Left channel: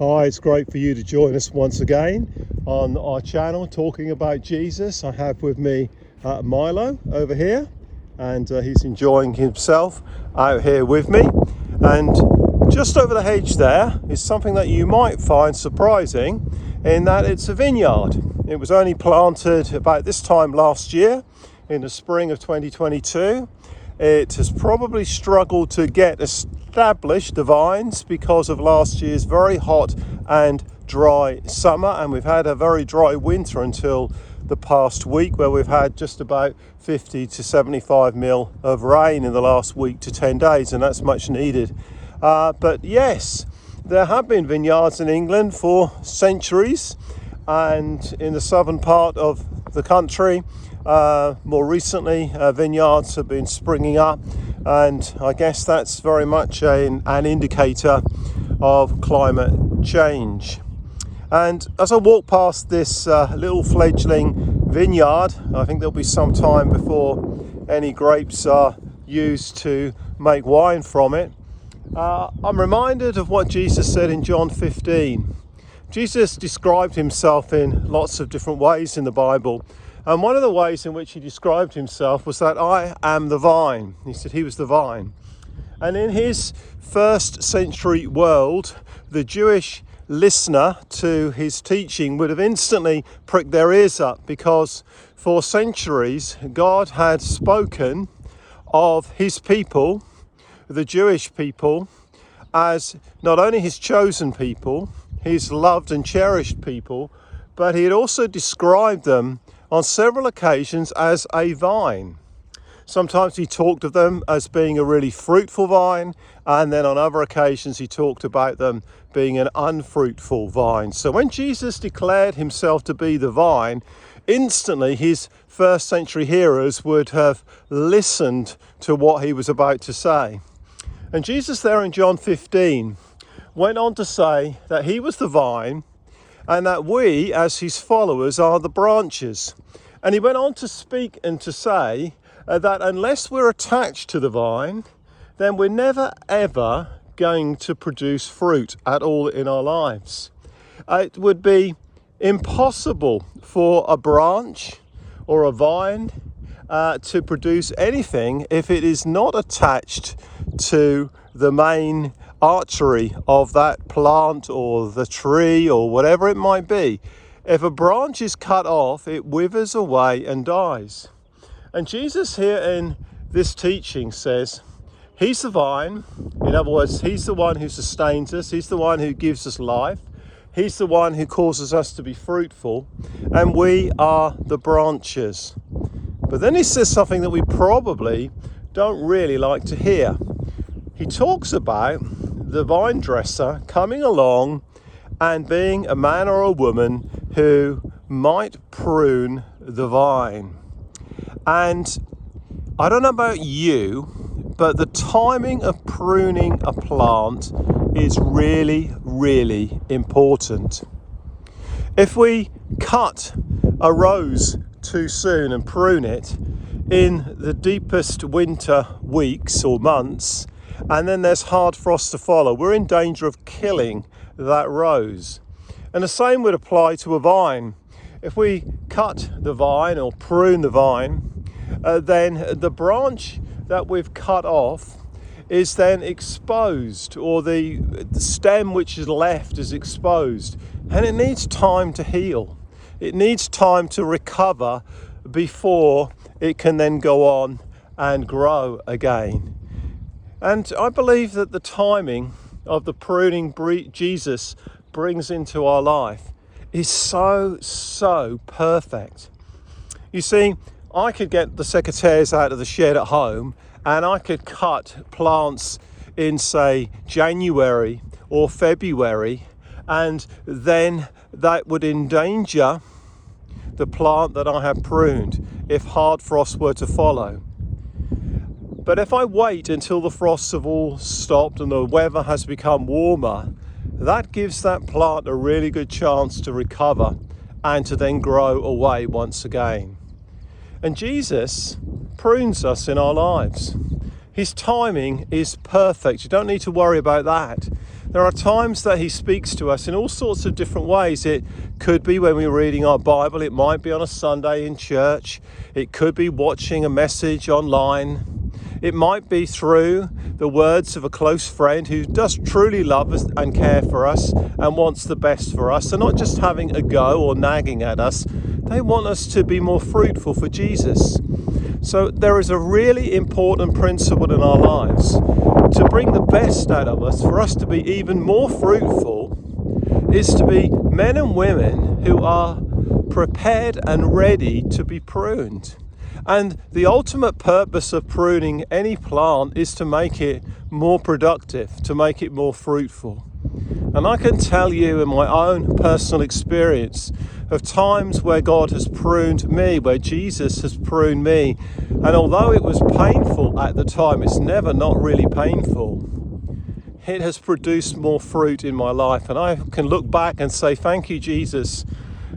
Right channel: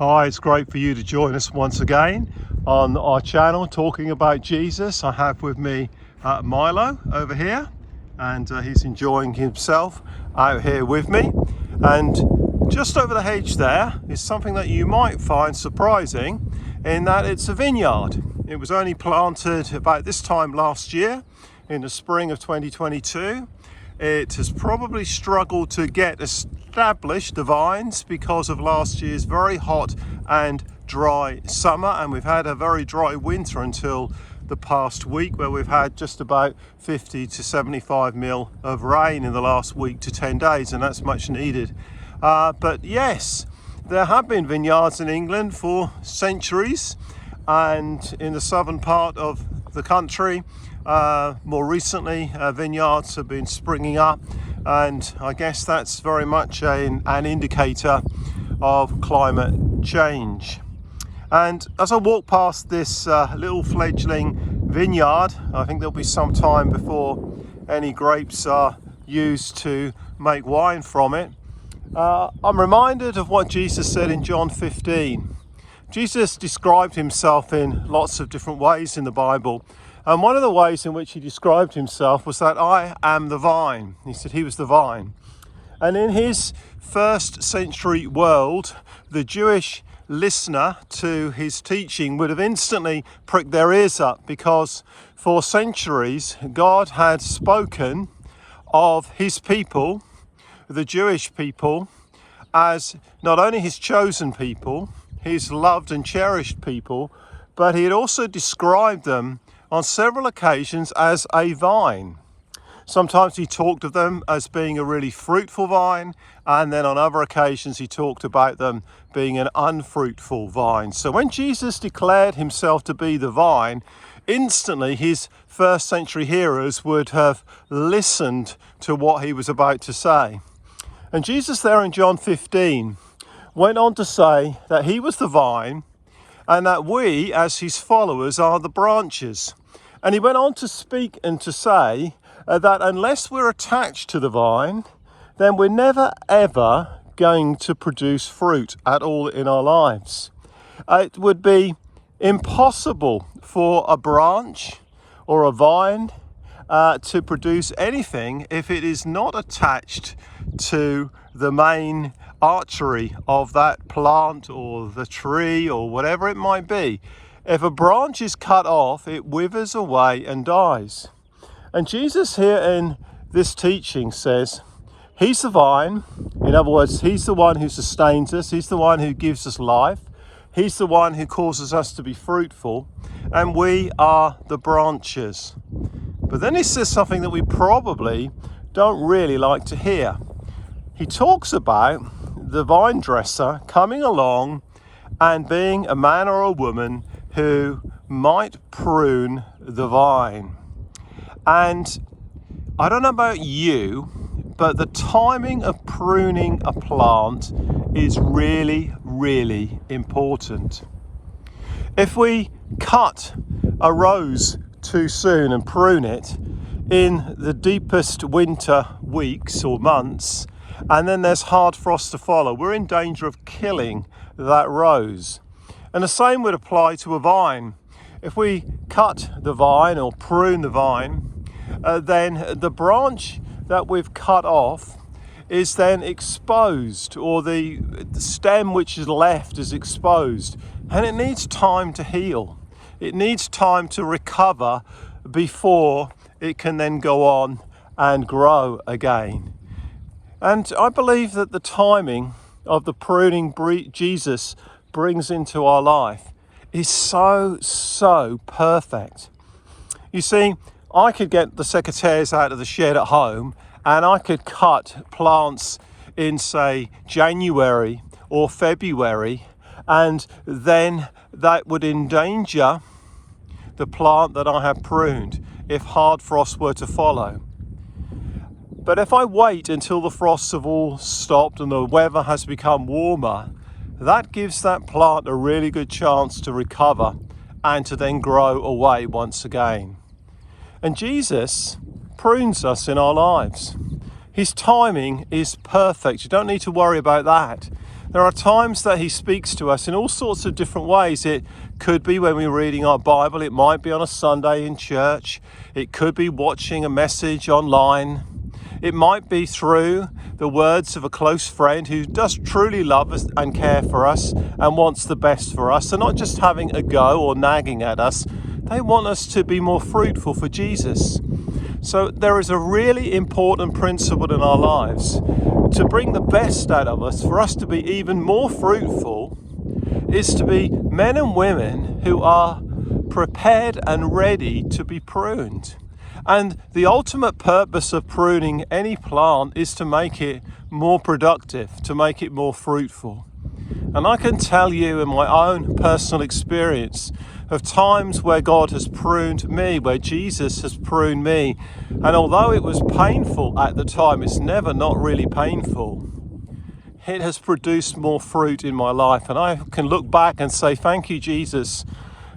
Hi, it's great for you to join us once again on our channel talking about Jesus. I have with me Milo over here, and he's enjoying himself out here with me. And just over the hedge there is something that you might find surprising, in that it's a vineyard. It was only planted about this time last year in the spring of 2022. It has probably struggled to get established, the vines, because of last year's very hot and dry summer, and we've had a very dry winter until the past week, where we've had just about 50 to 75 mil of rain in the last week to 10 days, and that's much needed. But yes, there have been vineyards in England for centuries, and in the southern part of the country more recently vineyards have been springing up, and I guess that's very much an indicator of climate change. And as I walk past this little fledgling vineyard, I think there'll be some time before any grapes are used to make wine from it. I'm reminded of what Jesus said in John 15. Jesus described himself in lots of different ways in the Bible. And one of the ways in which he described himself was that I am the vine. He said he was the vine. And in his first century world, the Jewish listener to his teaching would have instantly pricked their ears up, because for centuries God had spoken of his people, the Jewish people, as not only his chosen people, his loved and cherished people, but he had also described them on several occasions as a vine. Sometimes he talked of them as being a really fruitful vine, and then on other occasions he talked about them being an unfruitful vine. So when Jesus declared himself to be the vine, instantly his first century hearers would have listened to what he was about to say. And Jesus there in John 15 went on to say that he was the vine, and that we, as his followers, are the branches. And he went on to speak and to say that unless we're attached to the vine, then we're never ever going to produce fruit at all in our lives. It would be impossible for a branch or a vine to produce anything if it is not attached to the main artery of that plant or the tree or whatever it might be. If a branch is cut off, it withers away and dies. And Jesus here in this teaching says he's the vine. In other words, he's the one who sustains us. He's the one who gives us life. He's the one who causes us to be fruitful, and we are the branches. But then he says something that we probably don't really like to hear. He talks about the vine dresser coming along and being a man or a woman who might prune the vine. And I don't know about you, but the timing of pruning a plant is really, really important. If we cut a rose too soon and prune it in the deepest winter weeks or months, and then there's hard frost to follow, we're in danger of killing that rose. And the same would apply to a vine. If we cut the vine or prune the vine, then the branch that we've cut off is then exposed, or the stem which is left is exposed, and it needs time to heal. It needs time to recover before it can then go on and grow again. And I believe that the timing of the pruning Jesus brings into our life is so perfect. You see, I could get the secateurs out of the shed at home, and I could cut plants in, say, January or February, and then that would endanger the plant that I have pruned if hard frost were to follow. But if I wait until the frosts have all stopped and the weather has become warmer, that gives that plant a really good chance to recover and to then grow away once again. And Jesus prunes us in our lives. His timing is perfect. You don't need to worry about that. There are times that he speaks to us in all sorts of different ways. It could be when we're reading our Bible. It might be on a Sunday in church. It could be watching a message online. It might be through the words of a close friend who does truly love us and care for us and wants the best for us. So not just having a go or nagging at us. They want us to be more fruitful for Jesus. So there is a really important principle in our lives to bring the best out of us, for us to be even more fruitful, is to be men and women who are prepared and ready to be pruned. And the ultimate purpose of pruning any plant is to make it more productive, to make it more fruitful. And I can tell you in my own personal experience of times where God has pruned me, where Jesus has pruned me. And although it was painful at the time, it's never not really painful. It has produced more fruit in my life. And I can look back and say, thank you, Jesus.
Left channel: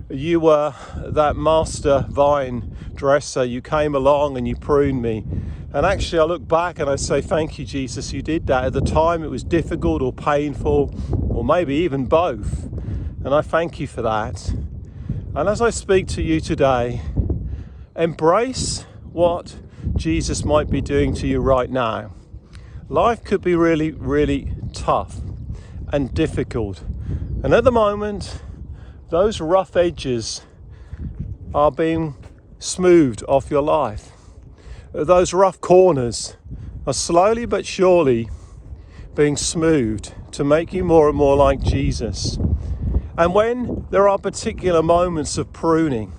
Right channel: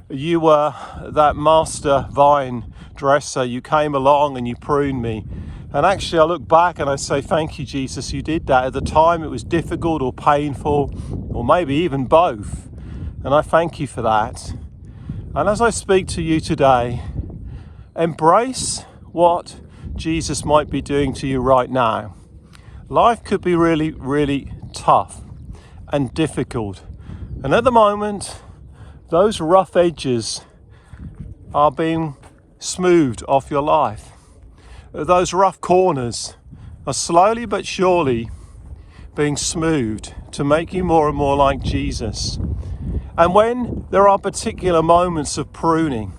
You were that master vine dresser. You came along and you pruned me. And actually I look back and I say, thank you, Jesus, you did that. At the time it was difficult or painful, or maybe even both. And I thank you for that. And as I speak to you today, embrace what Jesus might be doing to you right now. Life could be really, really tough and difficult. And at the moment, those rough edges are being smoothed off your life. Those rough corners are slowly but surely being smoothed to make you more and more like Jesus. And when there are particular moments of pruning,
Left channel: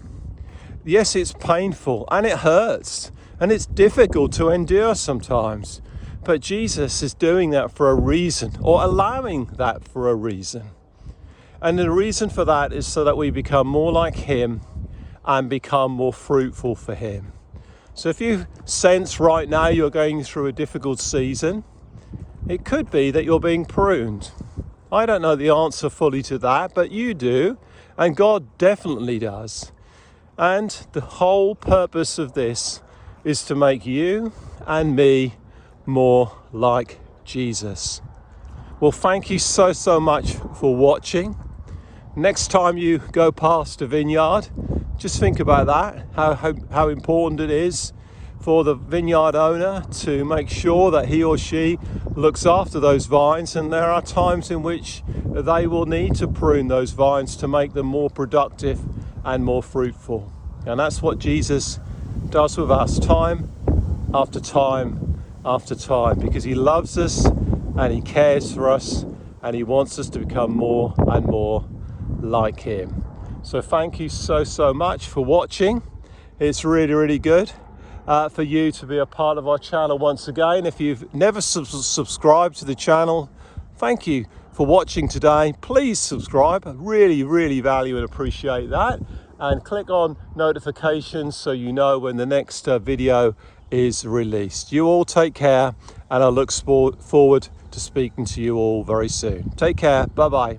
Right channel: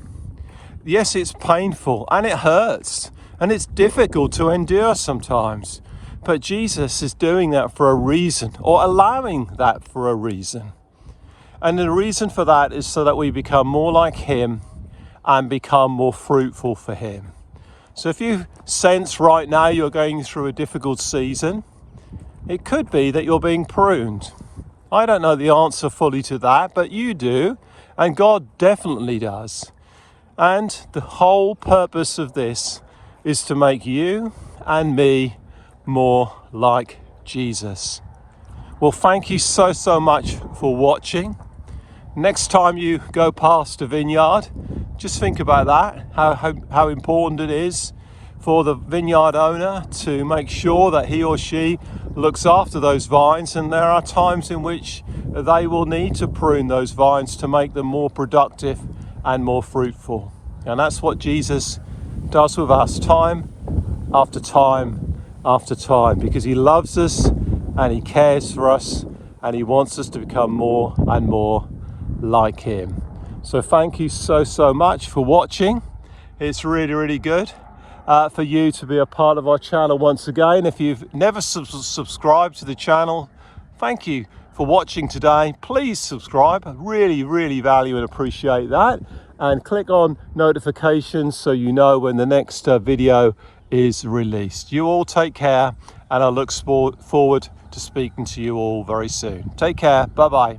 yes, it's painful and it hurts and it's difficult to endure sometimes, but Jesus is doing that for a reason, or allowing that for a reason. And the reason for that is so that we become more like him and become more fruitful for him. So if you sense right now you're going through a difficult season, it could be that you're being pruned. I don't know the answer fully to that, but you do, and God definitely does. And the whole purpose of this is to make you and me more like Jesus. Well, thank you so much for watching. Next time you go past a vineyard, just think about that, how important it is for the vineyard owner to make sure that he or she looks after those vines. And there are times in which they will need to prune those vines to make them more productive and more fruitful. And that's what Jesus does with us time after time after time, because he loves us and he cares for us and he wants us to become more and more like him. So thank you so much for watching. It's really good for you to be a part of our channel once again. If you've never subscribed to the channel, thank you for watching today. Please subscribe. I really value and appreciate that. And click on notifications so you know when the next video is released. You all take care, and I look forward to speaking to you all very soon. Take care. Bye bye.